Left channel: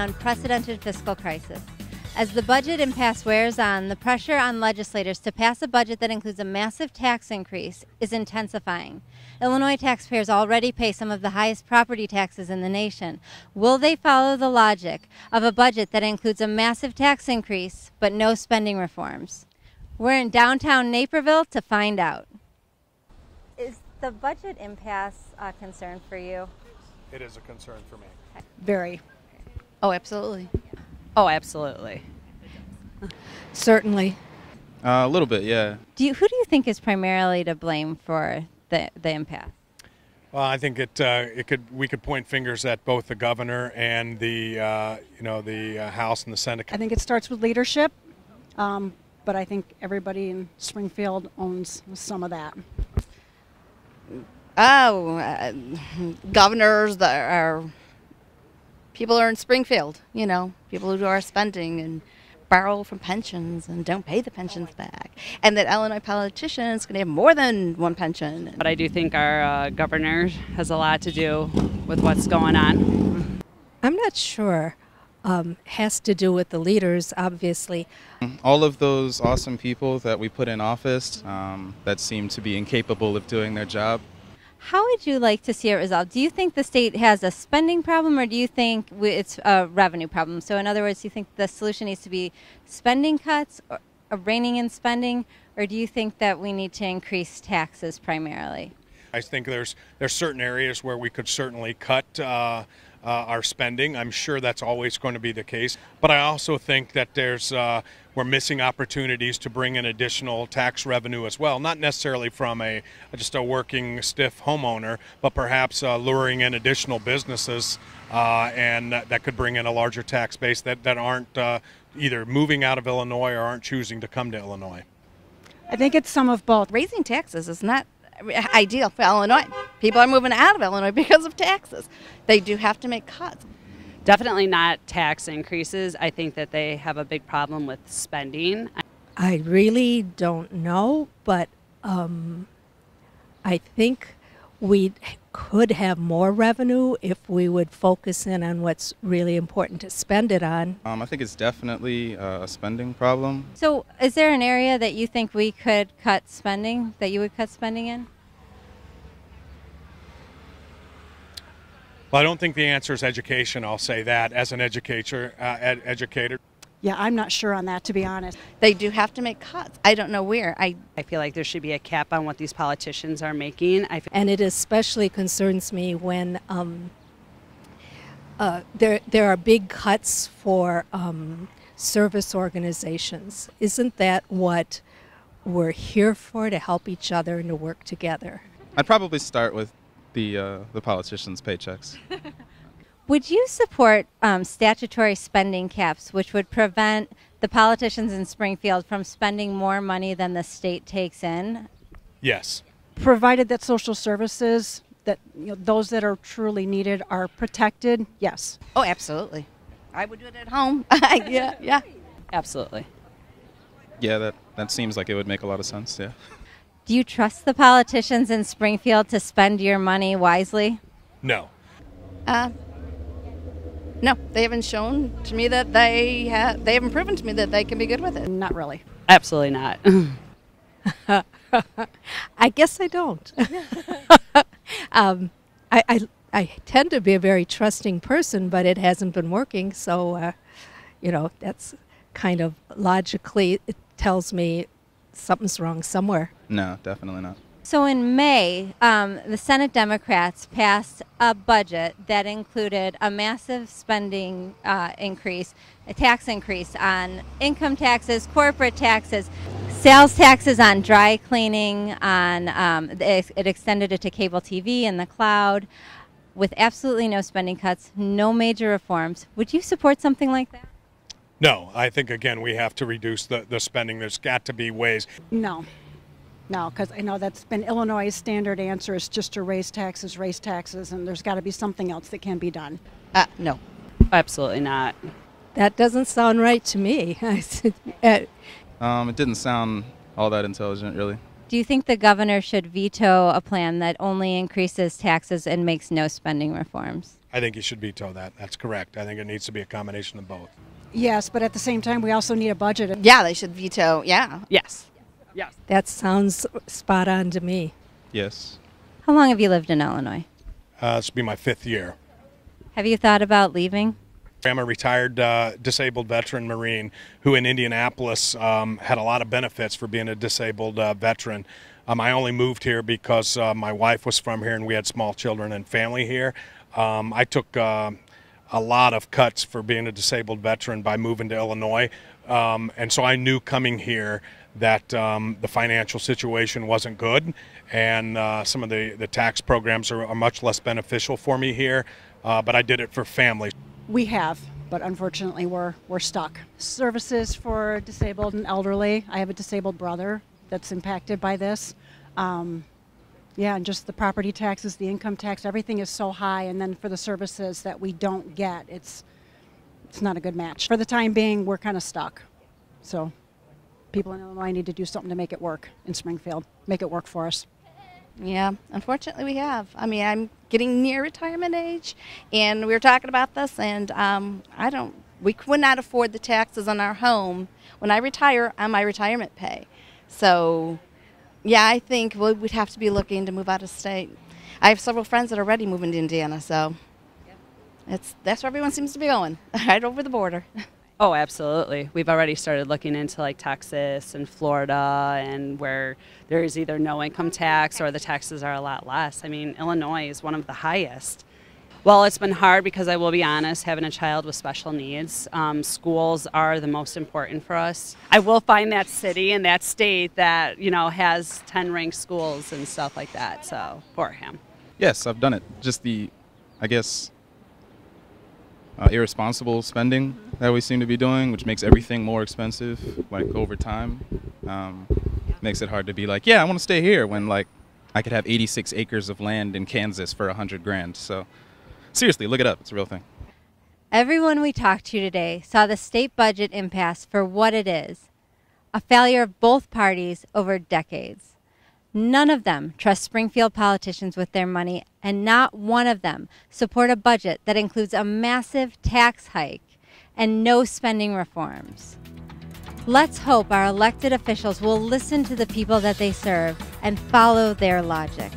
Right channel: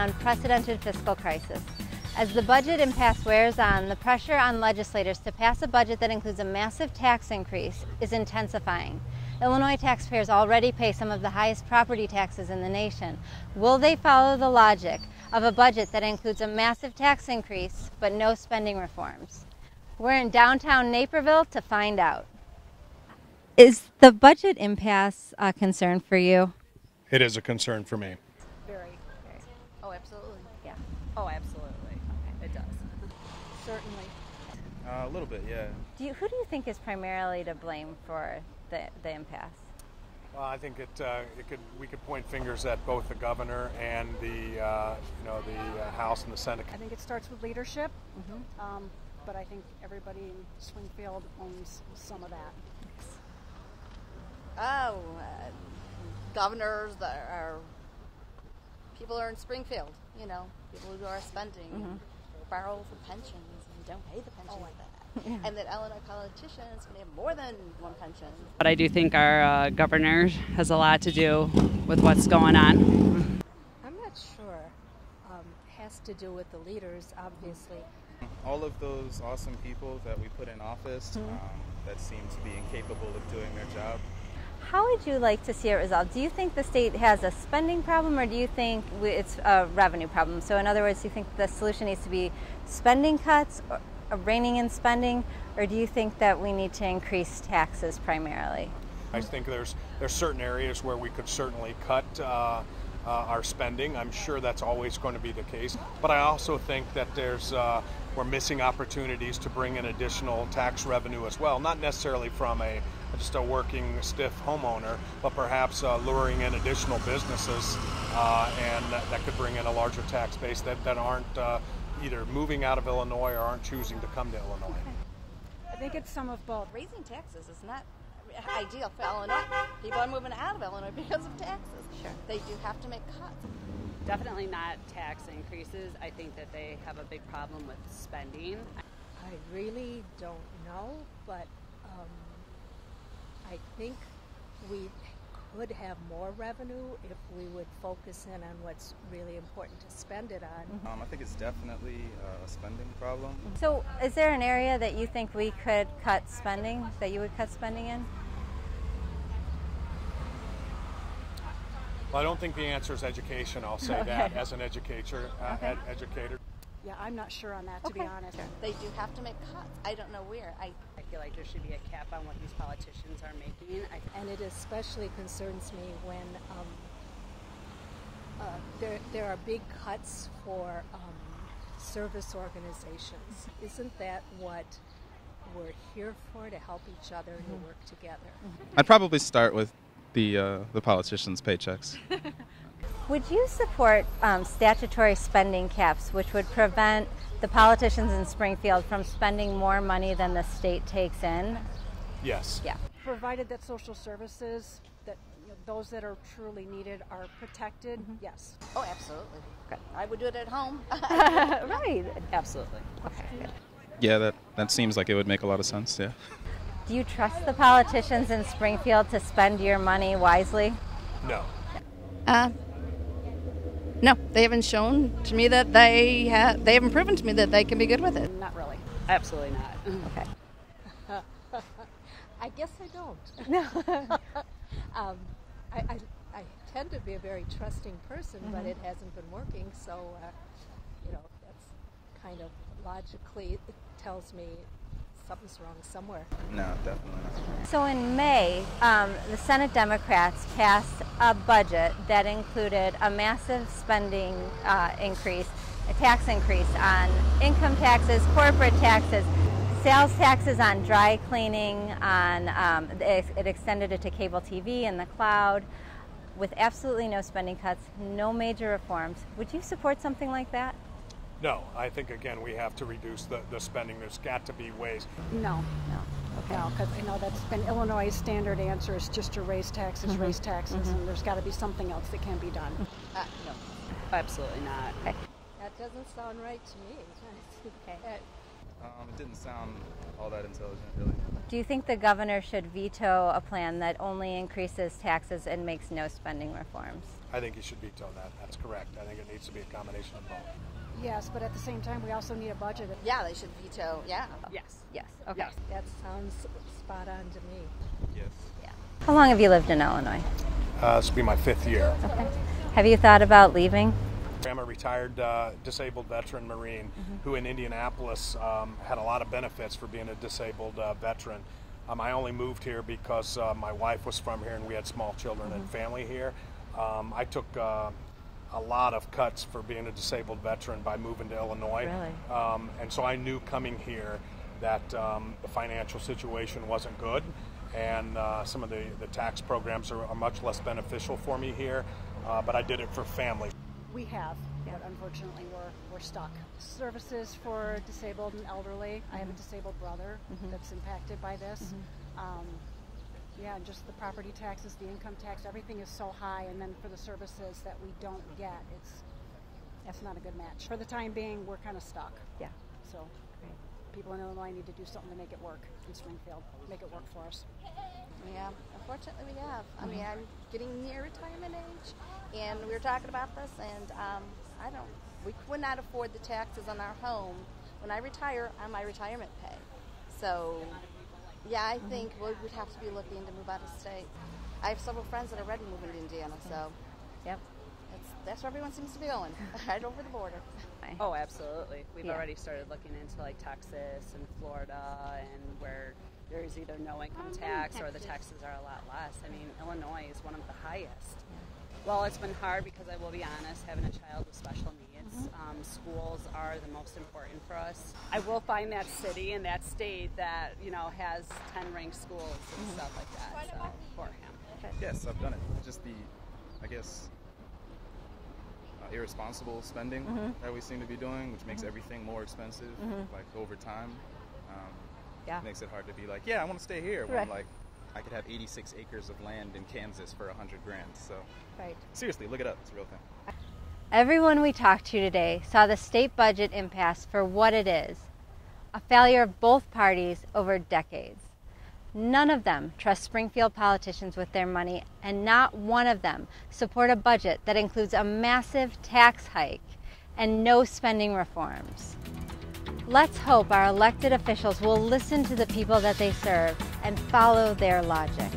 unprecedented fiscal crisis. As the budget impasse wears on, the pressure on legislators to pass a budget that includes a massive tax increase is intensifying. Illinois taxpayers already pay some of the highest property taxes in the nation. Will they follow the logic of a budget that includes a massive tax increase but no spending reforms? We're in downtown Naperville to find out. Is the budget impasse a concern for you? It is a concern for me. Very. Oh, absolutely. Yeah. Oh, absolutely. It does. Certainly. A little bit, yeah. Who do you think is primarily to blame for the impasse? Well, I think we could point fingers at both the governor and the House and the Senate. I think it starts with leadership, but I think everybody in Springfield owns some of that. Oh, governors that are people are in Springfield, people who are spending and borrow from pensions and don't pay the pensions back. And that Illinois politicians can have more than one pension. But I do think our governor has a lot to do with what's going on. I'm not sure. Has to do with the leaders, obviously. All of those awesome people that we put in office that seem to be incapable of doing their job. How would you like to see it resolved? Do you think the state has a spending problem, or do you think it's a revenue problem? So in other words, do you think the solution needs to be spending cuts, or reining in spending, or do you think that we need to increase taxes primarily? I think there's certain areas where we could certainly cut our spending. I'm sure that's always going to be the case. But I also think that we're missing opportunities to bring in additional tax revenue as well, not necessarily from just a working stiff homeowner, but perhaps luring in additional businesses and that could bring in a larger tax base that aren't either moving out of Illinois or aren't choosing to come to Illinois. I think it's some of both. Raising taxes is not ideal for Illinois. People are moving out of Illinois because of taxes. They do have to make cuts. Definitely not tax increases. I think that they have a big problem with spending. I really don't know, but I think we could have more revenue if we would focus in on what's really important to spend it on. I think it's definitely a spending problem. So is there an area that you think we could cut spending, that you would cut spending in? Well, I don't think the answer is education. I'll say that as an educator. Yeah, I'm not sure on that, to be honest. They do have to make cuts. I don't know where. I feel like there should be a cap on what these politicians are making. And it especially concerns me when there are big cuts for service organizations. Isn't that what we're here for, to help each other and to work together? I'd probably start with the politicians' paychecks. Would you support statutory spending caps, which would prevent the politicians in Springfield from spending more money than the state takes in? Yes. Yeah. Provided that social services, that those that are truly needed are protected, yes. Oh, absolutely. I would do it at home. Yeah. Right. Absolutely. Yeah, that seems like it would make a lot of sense, yeah. Do you trust the politicians in Springfield to spend your money wisely? No. No, they haven't shown to me that they haven't proven to me that they can be good with it. Not really. Absolutely not. I guess I don't. I tend to be a very trusting person, but it hasn't been working, so that's kind of logically, it tells me something's wrong somewhere. No, definitely not. So in May, the Senate Democrats passed a budget that included a massive spending increase, a tax increase on income taxes, corporate taxes, sales taxes on dry cleaning, it extended it to cable TV and the cloud, with absolutely no spending cuts, no major reforms. Would you support something like that? No, I think, again, we have to reduce the spending. There's got to be ways. No, because I know that's been Illinois' standard answer is just to raise taxes, and there's got to be something else that can be done. No. Absolutely not. That doesn't sound right to me. It didn't sound all that intelligent, really. Do you think the governor should veto a plan that only increases taxes and makes no spending reforms? I think you should veto that. That's correct. I think it needs to be a combination of both. Yes, but at the same time, we also need a budget. Yeah, they should veto. Yeah. Yes. Yes. Okay. Yes. That sounds spot on to me. Yes. How long have you lived in Illinois? This will be my 5th year. Okay. Have you thought about leaving? I'm a retired disabled veteran Marine who in Indianapolis had a lot of benefits for being a disabled veteran. I only moved here because my wife was from here and we had small children and family here. I took a lot of cuts for being a disabled veteran by moving to Illinois. Really? And so I knew coming here that the financial situation wasn't good, and some of the tax programs are much less beneficial for me here, but I did it for family. We have, but unfortunately we're stuck. Services for disabled and elderly. I have a disabled brother that's impacted by this. Yeah, and just the property taxes, the income tax, everything is so high, and then for the services that we don't get, it's not a good match. For the time being, we're kind of stuck. Yeah. So people in Illinois need to do something to make it work in Springfield, make it work for us. Yeah, unfortunately we have. I mean, I'm getting near retirement age, and we were talking about this, and we could not afford the taxes on our home when I retire on my retirement pay. So, yeah, I think we'd have to be looking to move out of state. I have several friends that are already moving to Indiana, so that's where everyone seems to be going, right over the border. Oh, absolutely. We've already started looking into like Texas and Florida, and where there is either no income tax or the taxes are a lot less. I mean, Illinois is one of the highest. Well, it's been hard because I will be honest, having a child with special needs, schools are the most important for us. I will find that city and that state that, has 10 ranked schools and stuff like that, so poor him. Yes, I've done it. Just irresponsible spending that we seem to be doing, which makes everything more expensive, like over time. Makes it hard to be like, yeah, I want to stay here when like I could have 86 acres of land in Kansas for $100,000. So seriously, look it up. It's a real thing. Everyone we talked to today saw the state budget impasse for what it is, a failure of both parties over decades. None of them trust Springfield politicians with their money, and not one of them support a budget that includes a massive tax hike and no spending reforms. Let's hope our elected officials will listen to the people that they serve and follow their logic.